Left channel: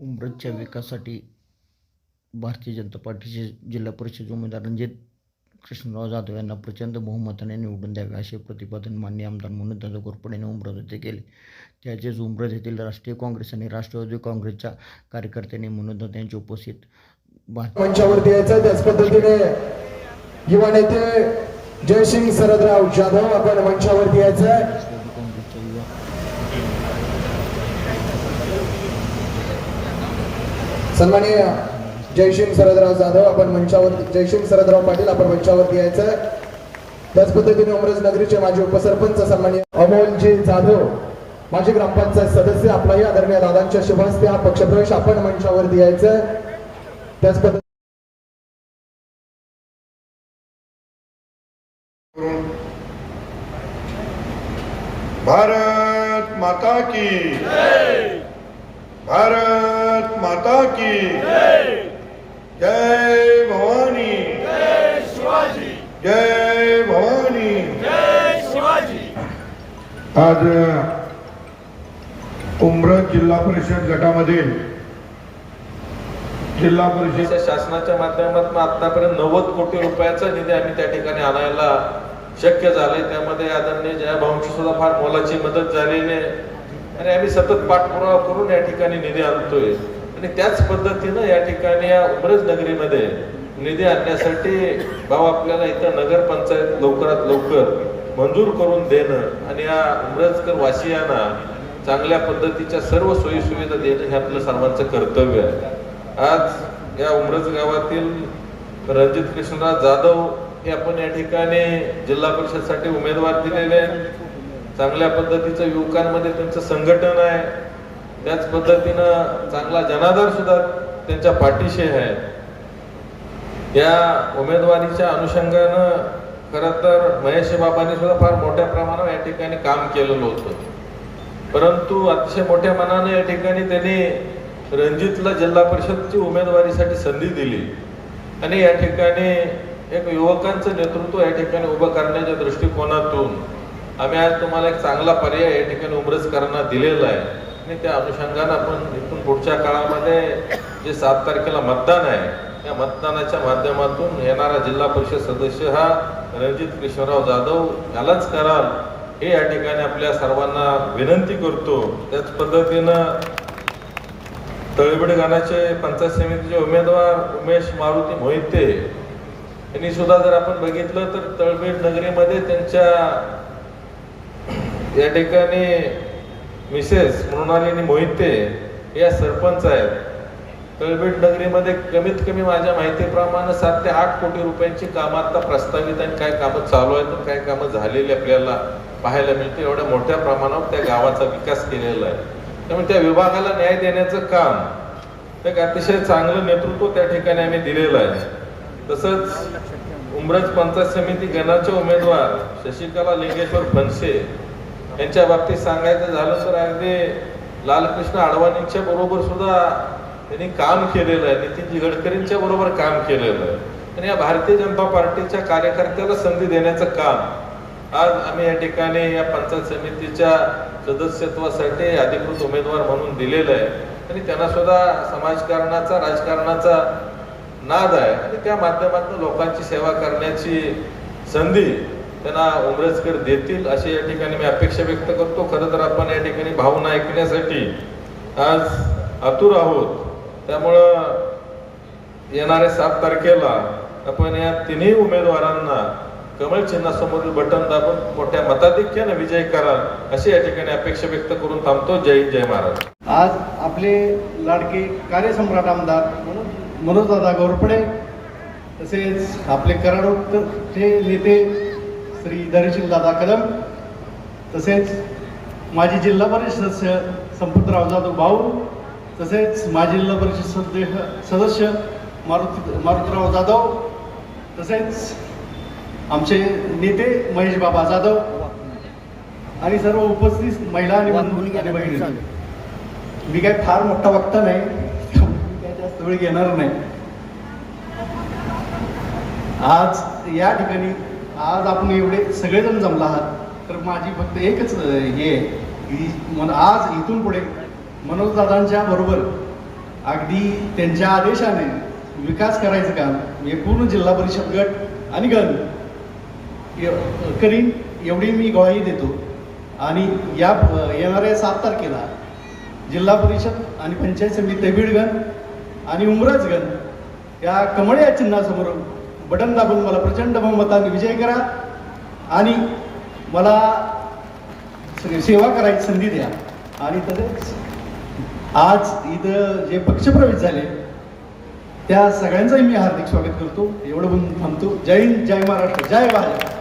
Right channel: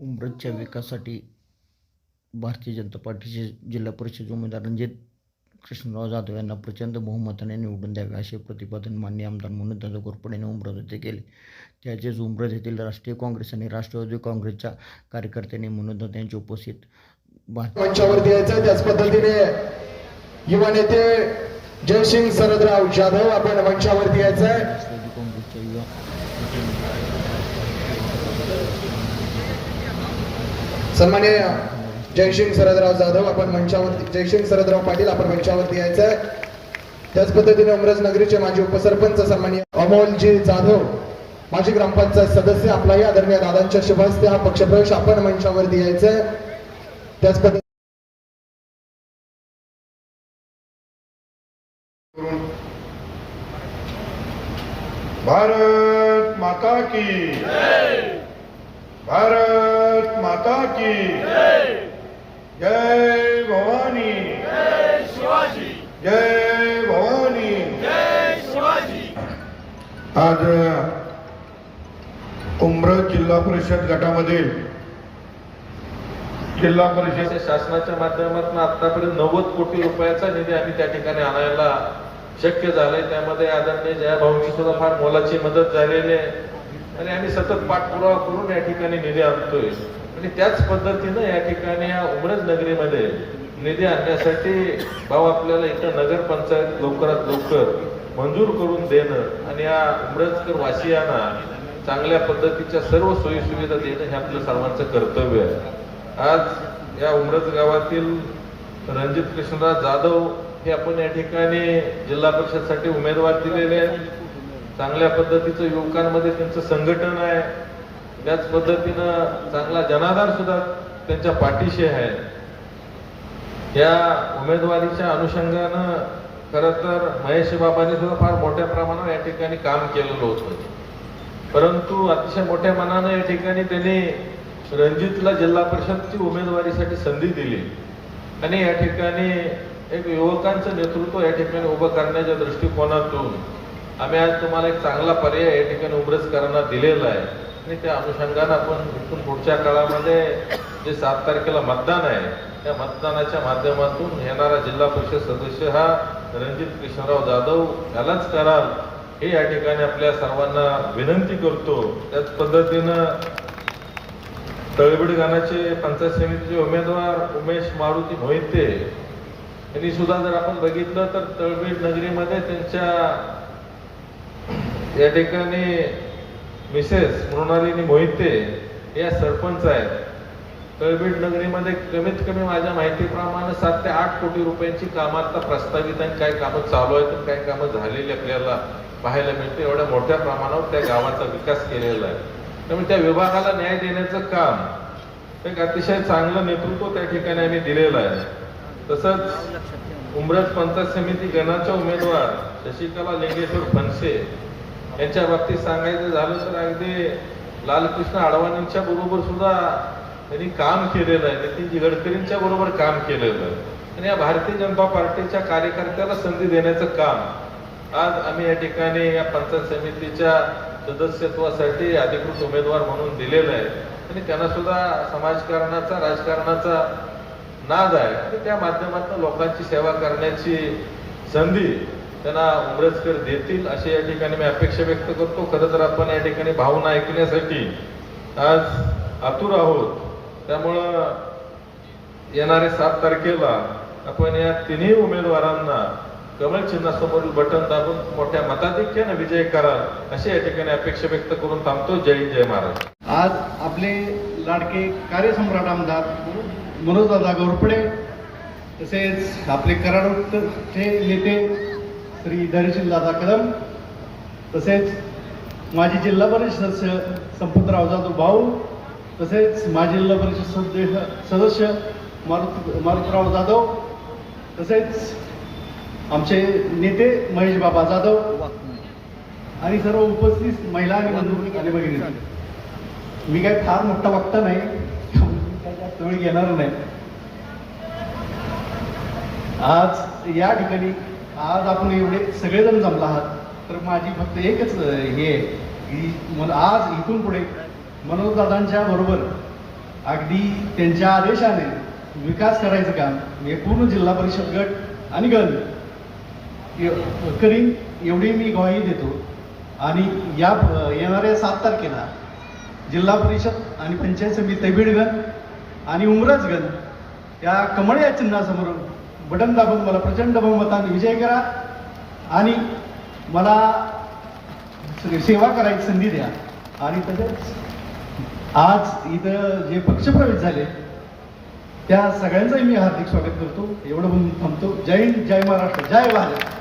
उमरठच्या विकासासाठी भारतीय जनता पार्टीचे जिल्हा परिषद उमेदवार रणजित कृष्णराव जाधव यांना प्रचंड बहुमताने निवडून द्यावे असे प्रतिपादन माननीय आमदार मनोजदादा घोरपडे यांनी उमरठ येथे केले. त्याचेच उमरठ येथील राष्ट्रीय काँग्रेस आणि राष्ट्रवादी काँग्रेसच्या कार्यकर्त्यांनी मनोजदादा यांची उपस्थित मंचावरती यायचं. त्याच पद्धतीने युवा नेते जयसिंग शरदराव जाधव आपण मंचावरती यायचं. राष्ट्रवादी काँग्रेसच्या युवा सन्माननीय जयसिंग शरदराव जाधव आपण मंचावरती, जयसिंग शरदराव पाटील आपण मंचावरती यायचं. त्याच पद्धतीने उमरठ नगरीचे माजी उपसरपंच सन्माननीय अमोलजी जाधव माजी ग्रामपंचायत सदस्य आपला या आदरणीय दादांच्या शुभ हस्ते हा पक्षप्रवेश आपण मंचावरती यायचं. त्याच पद्धतीने भारत माता की भारत माता की जय भवानी जय भवानी. आज उमरठ जिल्हा परिषद गटामध्ये जिल्हा परिषद शासनाच्या माध्यमातून आतापर्यंत 90 कोटी रुपयाचा निधी आम्ही त्या ठिकाणी आणायला शक्य झाले. त्यामध्ये आदरणीय जयभाऊंची सुद्धा फार मोलाची मदत झालेली आहे आणि आम्ही सतत पाठपुरावा करून या ठिकाणी निधी आणतोय. आणि त्याच पद्धतीनं या ठिकाणी या उमरठ नगरीमध्ये निधी आणण्यासाठी भाऊ आपल्याला इथं नगर पंचायत लवकरात लवकर मंजूर करून देणं आणि या उमरठकर वासियांना चांगल्या पद्धतीच्या सर्व सोयी सुविधा देणं हे आपलं सर्वांचं कर्तव्य आहे. आज या उमरठ गावातील रणजित कृष्णराव जाधव हे आपण या ठिकाणी जिल्हा परिषदसाठी उमेदवार दिलेले आहे. चांगल्या पद्धतीचं युवकांमध्ये त्यांचं संघटन आहे. त्याच पद्धतीनं चांगला जनाधार सुद्धा त्यांच्या पाठीशी आहे. या उमेदवारीच्या अनुषंगानं खरं तर महेश बाबांनी सुद्धा फार मोठ्या प्रमाणावर या ठिकाणी काम केलेलं होतं. परंतु अतिशय मोठ्या मनाने या ठिकाणी त्यांनी रणजितला जिल्हा परिषदची उमेदवारीसाठी संधी दिली आणि या ठिकाणी एक युवकांचं नेतृत्व या ठिकाणी उभं करण्याच्या दृष्टिकोनातून आम्ही आज तुम्हाला एक चांगला पर्याय या ठिकाणी उमरठकरांना दिलेला आहे. आणि त्या अनुषंगाने आपण इथून पुढच्या काळामध्ये जे 7 तारखेला मतदान आहे त्या मतदानाच्या माध्यमातून येणारा जिल्हा परिषद सदस्य हा रणजित कृष्णराव जाधव यालाच कराल हे या ठिकाणी आपल्या सर्वांना विनंती करतो. त्याच पद्धतीनं तळबीड गणाचे पंचायत समितीचे उमेदवार उमेश मारुती मोहिते यांनी सुद्धा जर आपण बघितलं तर तळबीड नगरीमध्ये त्यांच्या या ठिकाणी मिसेस मृणालिनी मोहिते या सरपंच आहेत. तळबीड नगरीमध्ये कमीत कमी माझ्या माहितीप्रमाणे 7 ते 8 कोटी रुपयांची कामं आता प्रस्तावित आणि काही कामं चालू आहेत, काही कामं झालेली आपल्याला पाहायला मिळते. एवढ्या मोठ्या प्रमाणावर त्या गावाचा विकास केलेला आहे. त्यामुळे त्या विभागाला न्याय देण्याचं काम एक अतिशय चांगलं नेतृत्व त्या ठिकाणी आम्ही दिलेलं आहे. तसंच उमरठ पंचायत समिती गणाचे उमेदवार शशिकला लिंगेश्वर फणसे यांच्या बाबतीत सांगायचं झालं तर अगदी लालकृष्ण अडवाणींच्या बरोबर सुद्धा त्यांनी काम केलेलं आहे. नितीनजी गडकरींच्या बरोबर काम केलेलं आहे. आणि या भारतीय जनता पार्टीच्या कार्यकर्त्याला संधी देण्याचं काम आज आम्ही या ठिकाणी या पंचायत समितीच्या सदस्यत्वासाठी अधिकृत उमेदवार म्हणून दिलेलं आहे. आणि त्यांना सुद्धा समाजकारणाचा राजकारणाचा नाद आहे आणि त्या माध्यमातून लोकांची सेवा करण्याची संधी त्यांना उमरठकर देतील अशी या ठिकाणी मी अपेक्षा व्यक्त करतो. खरं तर आपण या ठिकाणी भावना ऐकण्यासाठी आज आतुर आहोत. त्यामुळं येणाऱ्या 7 तारखेला आपण या तिन्ही उमेदवारांना कमळ चिन्हासमोरील बटन दाबून मोठ्या मताधिक्याने विजय करा अशी या ठिकाणी अपेक्षा व्यक्त करून थांबतो. जय जय महाराज. आज आपले लाडके कार्यसम्राट आमदार मनोजदादा घोरपडे तसेच आपले कराडचे नेते श्री धैर्यशीलदादा कदम तसेच माजी जिल्हा परिषद सदस्य संपतराव जाधव भाऊ तसेच माजी जिल्हा परिषद सदस्य मारुतीराव जाधव तसेच आमचे नेते महेश बाबा जाधव आणि सर्व उपस्थित महिला आणि भगिनी. मी काय फार मोठा वक्ता नाही, जास्त वेळ घेणार नाही. आज या ठिकाणी आज आपण एवढे सगळेजण जमला आहात तर माझी फक्त एकच हे की आज इथून पुढे मनोजदादांच्या बरोबर अगदी त्यांच्या आदेशाने विकास करायचं काम हे पूर्ण जिल्हा परिषद गट आणि गण करीन एवढी मी ग्वाही देतो. आणि या येणाऱ्या 7 तारखेला जिल्हा परिषद आणि पंचायत समिती तैबीडगण आणि उमराजगण या कमळ या चिन्हासमोर बटन दाबून मला प्रचंड बहुमताने विजय करा आणि मला सेवा करायची संधी द्या. आणि तसेच आज इथं जे पक्षप्रवेश झाले त्या सगळ्यांचंही मी हार्दिक स्वागत करतो. एवढं म्हणून थांबतो. जय हिंद, जय महाराष्ट्र, जय भाजप.